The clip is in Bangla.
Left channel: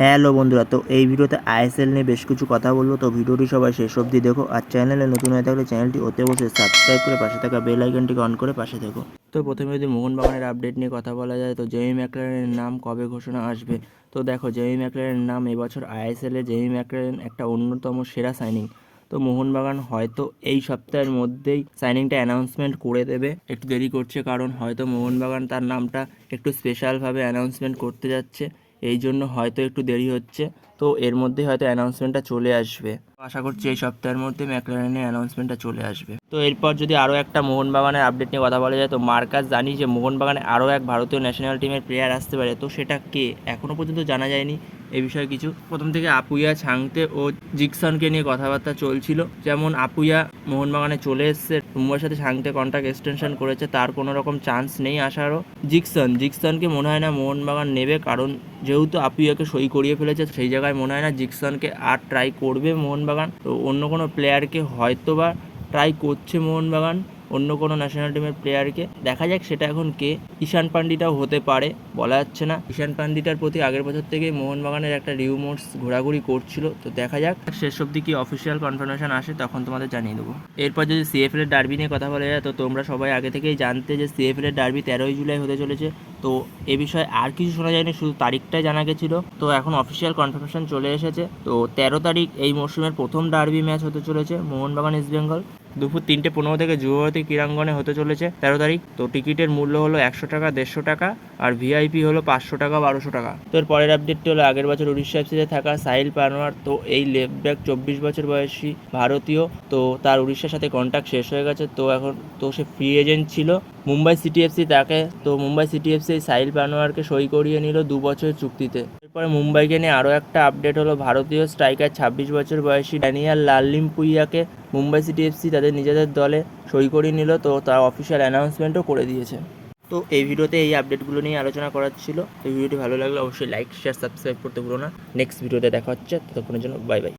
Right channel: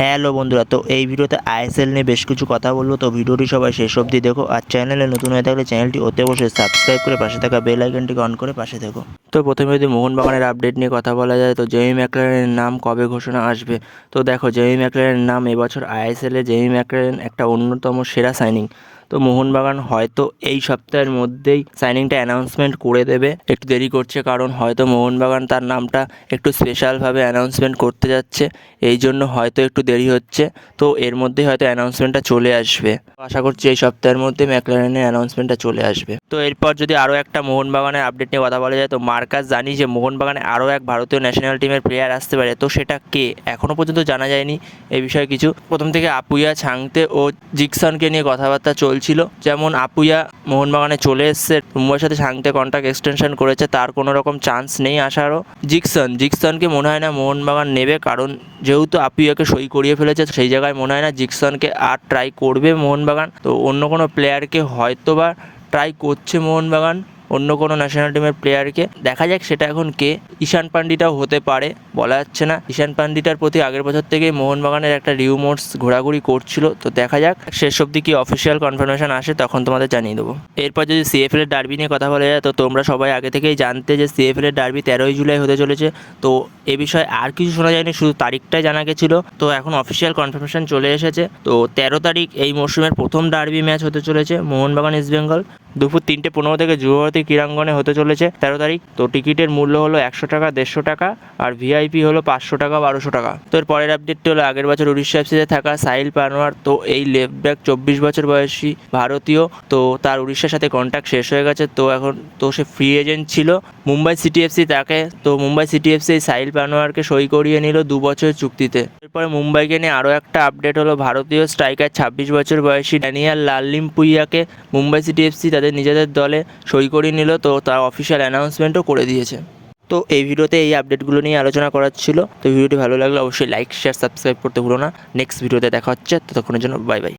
হ্যালো বন্ধুরা, তো এই ভিডিওতে আইএসএল নিয়ে বেশ কিছু কথা বলব। তো ভিডিওটি সবাই শেষ অবধি দেখো আর চ্যানেলে নতুন হয়ে থাকলে চ্যানেলটি অতি অবশ্যই সাবস্ক্রাইব করে পাশে থাকা বেল আইকনটিকে অন করে পাশে দেখো তো প্রথমে যদি মোহনবাগানের আপডেট নিয়ে কথা বলা যায়, তো জেমি ম্যাকলারেনের নাম কবে ঘোষণা আসবে? তো দেখো জেমি ম্যাকলারেনের নাম এবছর আইএসএলে জেমি ম্যাকলারেন একটা অন্যতম সেরা সাইনিং তো মোহনবাগান হয়তো এই সপ্তাহের মধ্যেই সাইনিংটা অ্যানাউন্সমেন্ট করে দেবে। একটু দেরি করছে কারণ হয়তো মোহনবাগান তার নামটা একটু স্পেশালভাবে অ্যানাউন্সমেন্ট করতে যাচ্ছে। এই জন্য হয়তো একটু দেরি হচ্ছে। তো এর মধ্যে হয়তো অ্যানাউন্সমেন্টটা চলে আসবে। আশা করছি এই সপ্তাহের মধ্যে ম্যাকলারেনের অ্যানাউন্সমেন্টটা চলে আসবে। তো এরপর যদি আরও একটা মোহনবাগানের আপডেট নিয়ে কথা বলা যায়, তো মার্কাস জানি যে মোহনবাগানে আরও এক ভারতীয় ন্যাশনাল টিমের প্লেয়ার আসতে পারে। তো সেটা কে? এখনও পর্যন্ত জানা যায়নি। এই বিষয়ে কিছু? প্রথম থেকে আপুইয়া ছাংতে ও জিকসনকে নিয়ে কথাবার্তা চলছিল যেমন আপুয়া মোহনবাগানে চলে এসছে মুম্বাইয়ের সাথে সাংতে কন্ট্রাক্ট এক্সটেনশন করেছে, তার কোনো রকম চান্স নেই আসারও জিকসন, জিকসনকে মনে হয় না মোহনবাগান নেবে, কারণ যেহেতু আপুয়াকে সই করিয়ে ফেলেছে, সেই জায়গায় মনে হয় না জিকসনকে আর ট্রাই করবে মোহনবাগান। তো অন্য কোনো প্লেয়ারকে হয়তো বা ট্রাই করছে মোহনবাগান। অন্য কোনো ন্যাশনাল টিমের প্লেয়ারকে দেখা যাক সেটা এখন কে। ঈশান পান্ডিটাও হতে পারে, বলা যাচ্ছে না। ঈশান পান্ডিটার প্রতি আগের বছর থেকে মোহনবাগানের একটা রিউমোর্স ঘোরাঘুরি করছিল। তো দেখা যাক, শেষ অবধি কি অফিসিয়াল কনফার্মেশন আসে তখন তোমাদের জানিয়ে দেবো। এরপর যদি সিএফএল এর ডার্বি নিয়ে কথা বলা যায়, তো তোমরা সবাই আগে থেকেই জানতে যে সিএফএল এর ডার্বি তেরোই জুলাই হতে চলেছে। তো এ বিষয়ে আর কিছু শোনা যায়নি, শুধু তারিখটাই জানা গেছিল। তো এখন অফিসিয়াল কনফার্মেশন চলে এসেছে। তো তেরো তারিখ এই মরশুমের প্রথম ডার্বি ম্যাচ হতে চলেছে মোহনবাগান ইস্ট বেঙ্গল দুপুর তিনটে পনেরো থেকে যুবভারতী ক্রীড়াঙ্গনে হতে চলেছে তেরো তারিখ। তো টিকিটের মূল্য হলো একশো টাকা, দেড়শো টাকা আর ভিআইপি হলো পাঁচশো টাকা, বারোশো টাকা। তো এর পরের আপডেটটি হলো আগের বছর উড়িষ্যা এফসিতে থাকা সাহিল পানোয়ার, তো এই লেফট ব্যাক চব্বিশ বছর বয়সী ভারতীয়, তো তার উড়িষ্যার সাথে কন্ট্যাক্ট শেষ হয়ে গেছে। তো এখন, তো সে ফ্রি এজেন্ট ছিল। মুম্বাই সিটি এফসি তাকে, তো মুম্বাই সিটি এফসি সাহিল পানোয়ারকে সই করিয়ে নিল দু বছরের চুক্তিতে। এরপরে মুম্বাইকে নিয়ে আরও একটা আপডেট হলো। ভারতীয় স্ট্রাইকার ছাব্বিশ বছর বয়সী ড্যানিয়াল লাল্লিমপুইয়াকে মুম্বাই সিটি এফসি তাদের নিজেদের দলে সই করে নিল, তো তার অফিসিয়াল অ্যানাউন্সমেন্টও করে দিয়েছে। তো এই ভিডিওতে এই আপডেটগুলো নিয়ে আলোচনা করার ছিল। তো ভিডিওটি ভালো লাগলে অবশ্যই লাইক শেয়ার সাবস্ক্রাইব করতে ভুলো না। নেক্সট ভিডিওতে দেখা হচ্ছে। ততক্ষণের জন্য বাই বাই